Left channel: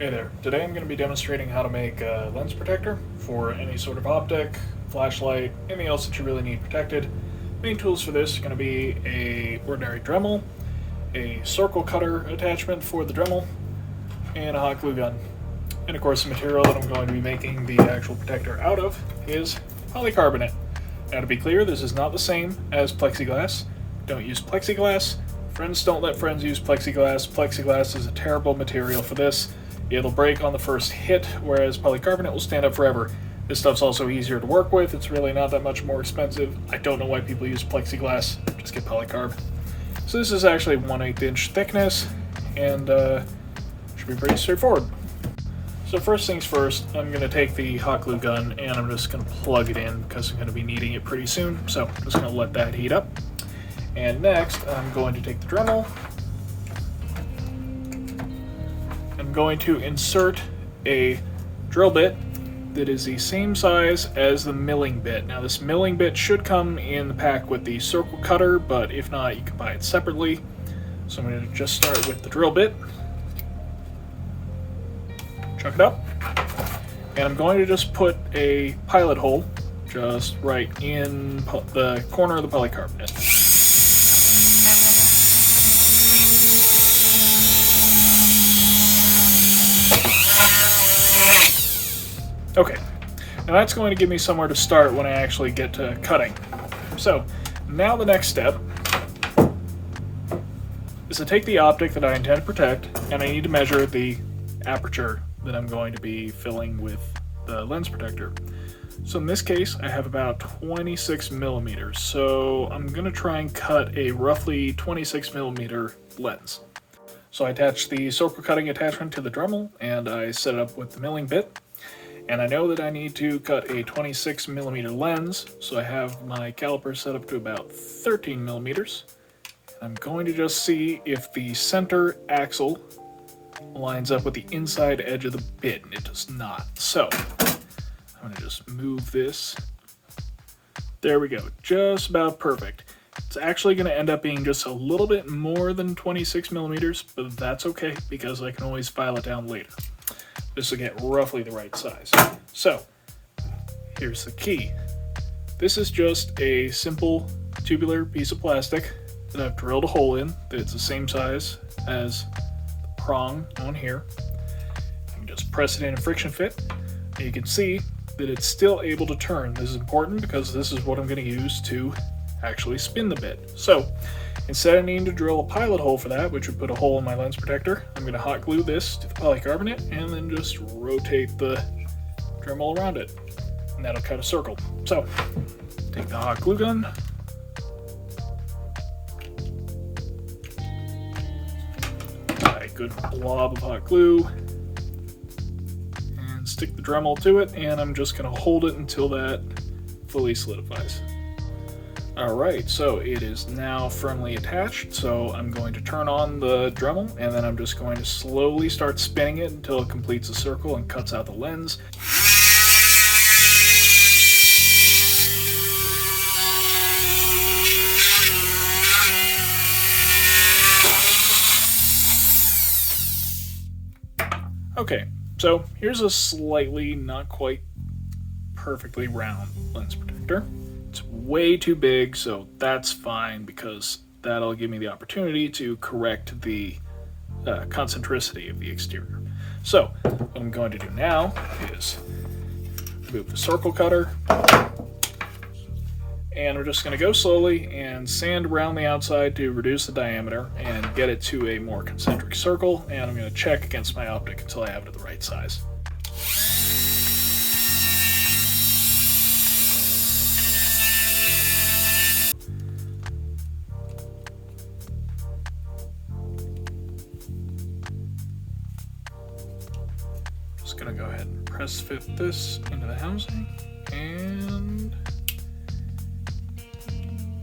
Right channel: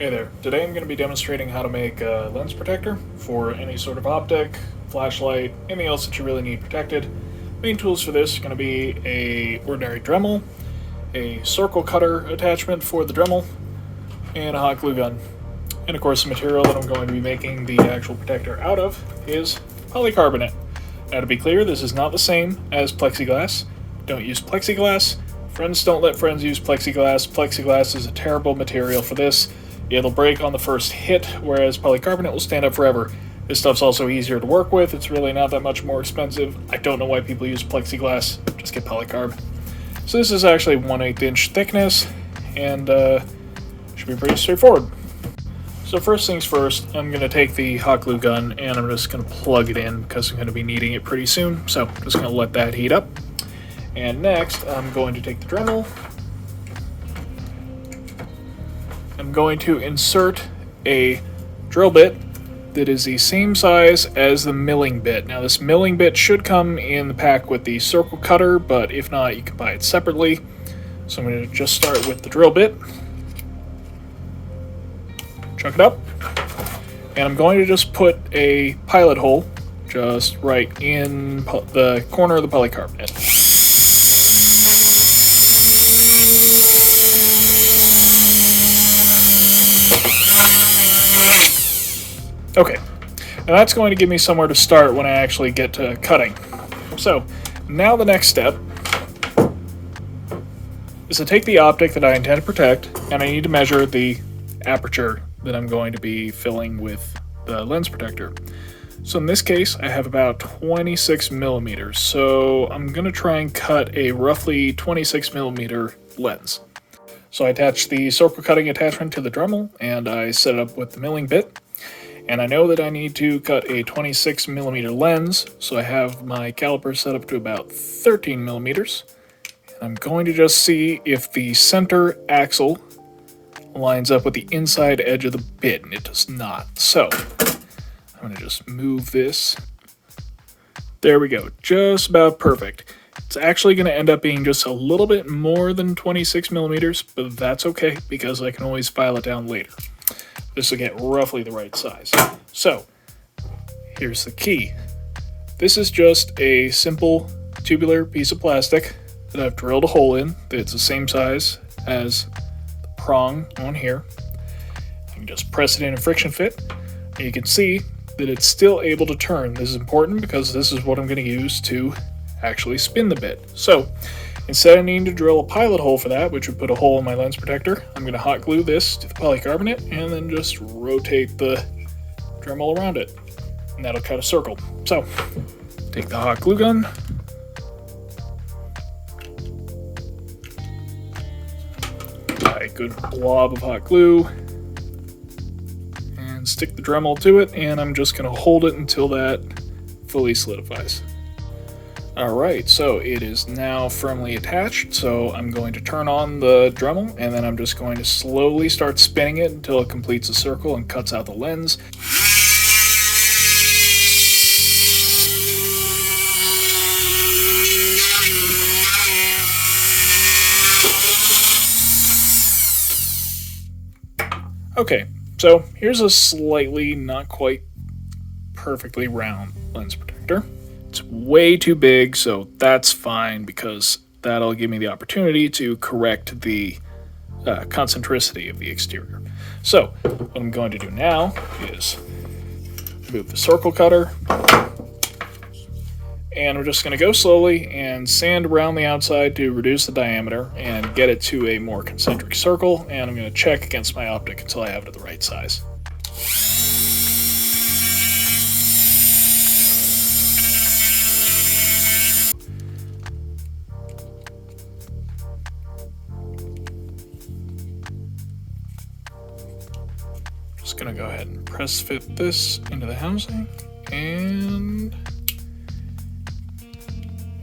Hey there, today I'm going to be demonstrating how to make a lens protector for any sort of optic, flashlight, anything else that you really need protected. Main tools for this are going to be a ordinary Dremel, a circle cutter attachment for the Dremel, and a hot glue gun. And of course the material that I'm going to be making the actual protector out of is polycarbonate. Now to be clear, this is not the same as plexiglass. Don't use plexiglass. Friends don't let friends use plexiglass. Plexiglass is a terrible material for this. It'll break on the first hit, whereas polycarbonate will stand up forever. This stuff's also easier to work with. It's really not that much more expensive. I don't know why people use plexiglass. Just get polycarb. So this is actually 1/8 inch thickness, and should be pretty straightforward. So first things first, I'm going to take the hot glue gun and I'm just going to plug it in because I'm going to be needing it pretty soon. So I'm just going to let that heat up. And next, I'm going to take the Dremel. I'm going to insert a drill bit that is the same size as the milling bit. Now this milling bit should come in the pack with the circle cutter, but if not, you can buy it separately. So I'm going to just start with the drill bit. Chuck it up. And I'm going to just put a pilot hole just right in the corner of the polycarbonate. Okay, now that's going to give me somewhere to start when I actually get to cutting. So, now the next step is to take the optic that I intend to protect, and I need to measure the aperture that I'm going to be filling with the lens protector. So in this case, I have about 26 millimeters, so I'm going to try and cut a roughly 26 millimeter lens. So I attach the circle cutting attachment to the Dremel, and I set it up with the milling bit. And I know that I need to cut a 26 millimeter lens, so I have my caliper set up to about 13 millimeters. And I'm going to just see if the center axle lines up with the inside edge of the bit, and it does not. So I'm going to just move this. There we go, just about perfect. It's actually going to end up being just a little bit more than 26 millimeters, but that's okay because I can always file it down later. This will get roughly the right size. So, here's the key. This is just a simple tubular piece of plastic that I've drilled a hole in that's the same size as the prong on here. I can just press it in a friction fit, and you can see that it's still able to turn. This is important because this is what I'm going to use to actually spin the bit. So, instead of needing to drill a pilot hole for that, which would put a hole in my lens protector, I'm going to hot glue this to the polycarbonate and then just rotate the Dremel around it. And that'll cut a circle. So, take the hot glue gun. Apply a good blob of hot glue. And stick the Dremel to it, and I'm just going to hold it until that fully solidifies. Alright, so it is now firmly attached, so I'm going to turn on the Dremel, and then I'm just going to slowly start spinning it until it completes a circle and cuts out the lens. Okay, so here's a slightly, not quite perfectly round lens protector. It's way too big, so that's fine because that'll give me the opportunity to correct the concentricity of the exterior. So what I'm going to do now is move the circle cutter, and we're just going to go slowly and sand around the outside to reduce the diameter and get it to a more concentric circle, and I'm going to check against my optic until I have it at the right size. Just gonna go ahead and press fit this into the housing, and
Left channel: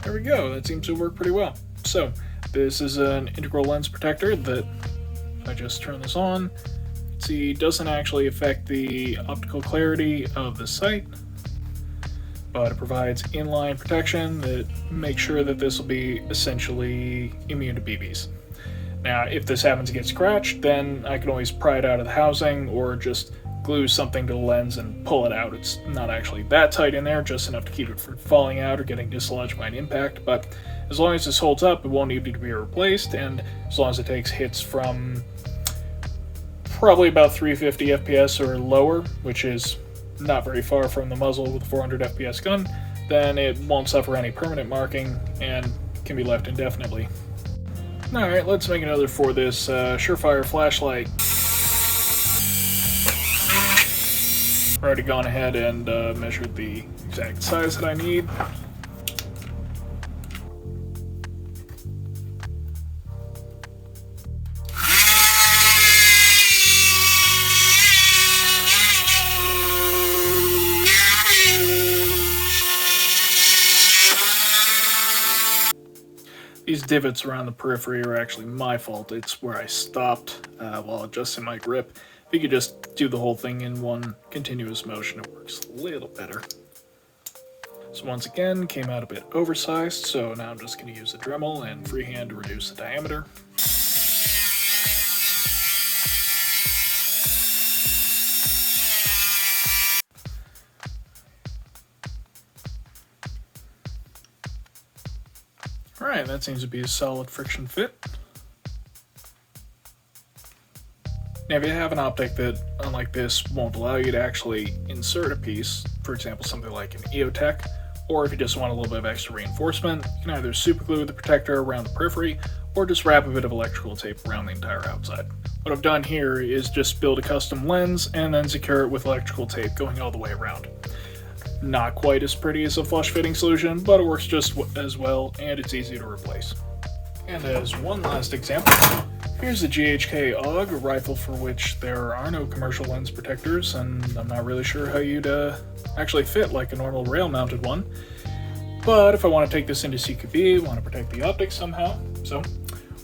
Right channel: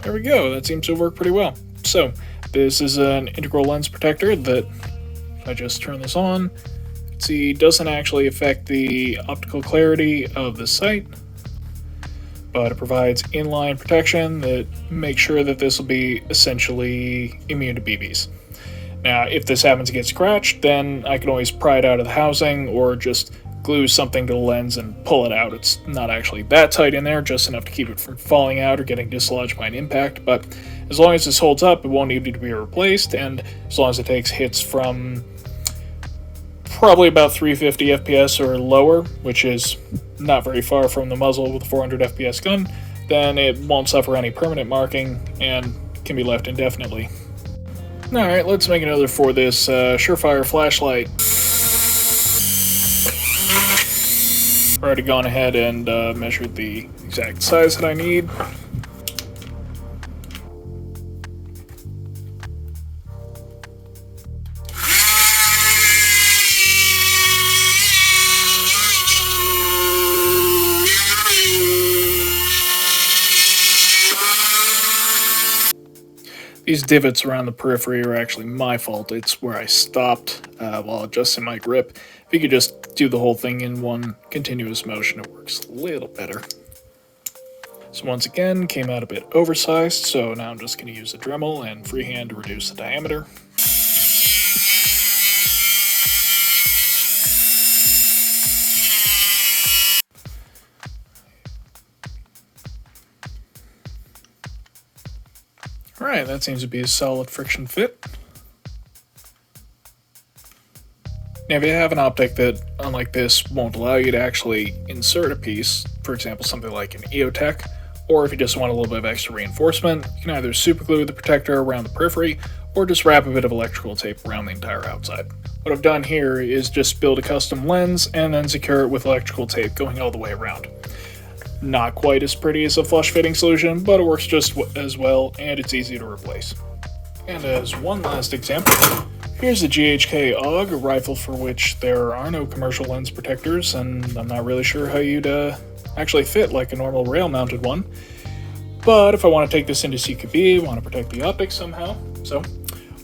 there we go. That seems to work pretty well. So this is an integral lens protector that, if I just turn this on, see, doesn't actually affect the optical clarity of the sight, but it provides inline protection that makes sure that this will be essentially immune to BBs. Now, if this happens to get scratched, then I can always pry it out of the housing or just glue something to the lens and pull it out. It's not actually that tight in there, just enough to keep it from falling out or getting dislodged by an impact, but as long as this holds up, it won't need to be replaced, and as long as it takes hits from probably about 350 FPS or lower, which is not very far from the muzzle with a 400 FPS gun, then it won't suffer any permanent marking and can be left indefinitely. Alright, let's make another for this Surefire flashlight. I've already gone ahead and measured the exact size that I need. These divots around the periphery are actually my fault. It's where I stopped while adjusting my grip. If you could just do the whole thing in one continuous motion, it works a little better. So once again, came out a bit oversized, so now I'm just going to use a Dremel and freehand to reduce the diameter. Alright, that seems to be a solid friction fit. Now if you have an optic that, unlike this, won't allow you to actually insert a piece, for example something like an EOTech, or if you just want a little bit of extra reinforcement, you can either superglue the protector around the periphery, or just wrap a bit of electrical tape around the entire outside. What I've done here is just build a custom lens and then secure it with electrical tape going all the way around. Not quite as pretty as a flush fitting solution, but it works just as well, and it's easy to replace. And as one last example, here's the GHK AUG, a rifle for which there are no commercial lens protectors, and I'm not really sure how you'd actually fit like a normal rail-mounted one. But if I want to take this into CQB, want to protect the optics somehow, so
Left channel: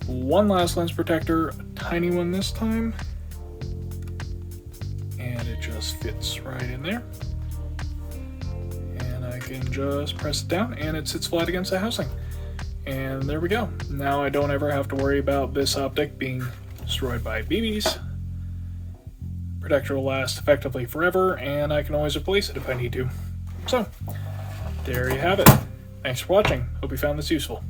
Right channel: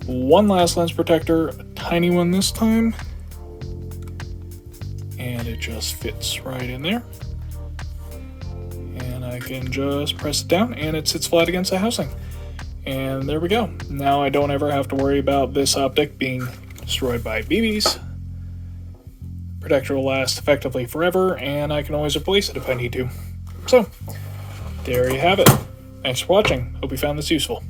one last lens protector, a tiny one this time, and it just fits right in there. I can just press it down and it sits flat against the housing. And there we go. Now I don't ever have to worry about this optic being destroyed by BBs. Protector will last effectively forever, and I can always replace it if I need to. So, there you have it. Thanks for watching. Hope you found this useful.